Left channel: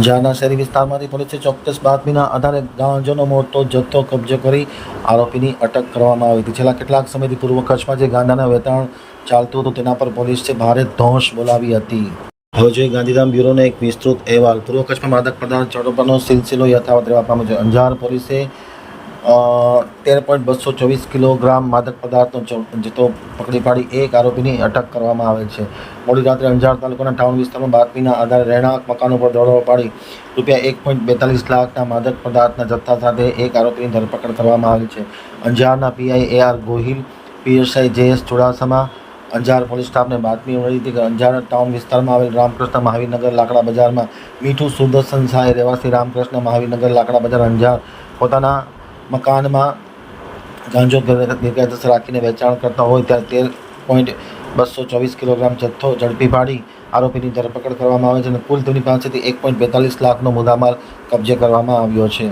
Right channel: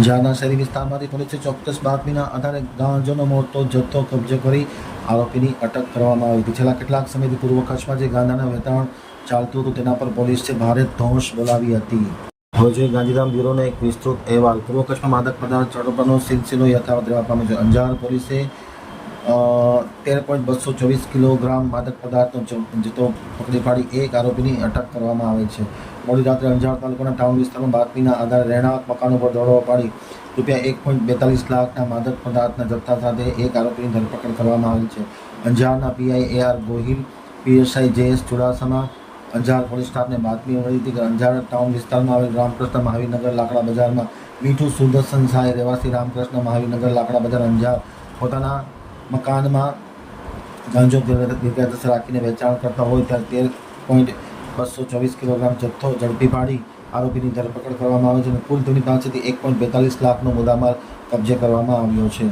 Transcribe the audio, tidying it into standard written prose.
અંજારના શહેરી વિસ્તારમાંથી પોલીસે ચોક્કસ બાતમીના આધારે ગાંજાનો મોટો જથ્થો કબજે કરી આરોપીની અટક કરવામાં આવી હતી. છેલ્લા કેટલાક સમયથી પૂર્વ કચ્છમાં જે ગાંજાના વેચાણ ચાલતું હતું તેના પર પોલીસે ભારે ધોંસ બોલાવી હતી. હવે જોઈએ ગાંધીધામ બ્યુરોનો એક વિસ્તૃત અહેવાલ. પૂર્વ કચ્છમાં માદક પદાર્થ ઝડપવાનો સિલસિલો યથાવત રહેવા પામ્યો છે. અંજાર પોલીસે 13.224 કિલોગ્રામ માદક પદાર્થનો જથ્થો પકડી પાડી એક આરોપીની અટક કરવામાં આવેલ છે. મોડી રાત્રે અંજાર તાલુકાના ટાઉન વિસ્તારમાં બાતમીના આધારે રહેણાંક મકાન ઉપર દરોડો પાડી ₹1.42 લાખના માદક પદાર્થના જથ્થા સાથે એક આરોપીની ધરપકડ કરવામાં આવેલ છે. અંજારના PI AR Gohil, PSI JS Chudasama Anjar police સ્ટાફને બાતમી મળી હતી કે અંજાર ટાઉન વિસ્તારમાં આવેલ રામકૃષ્ણ મહાવીરનગર લાકડા બજારમાં મીઠું સુદર્શન સાંઈ રહેવાસી રામકૃષ્ણ મહાવીરનગર લાકડા બજાર અંજાર પોતાના મકાનમાં ગાંજો ગેરકાયદેસર રાખીને વેચાણ કરતા હોય ત્યાં 13.224 કિલોગ્રામ જથ્થો ઝડપી પાડી આરોપીની ધરપકડ કરવામાં આવે છે અને કુલ તેની પાસેથી 1.42 લાખનો મુદ્દામાલ કબજે કરવામાં આવ્યો છે.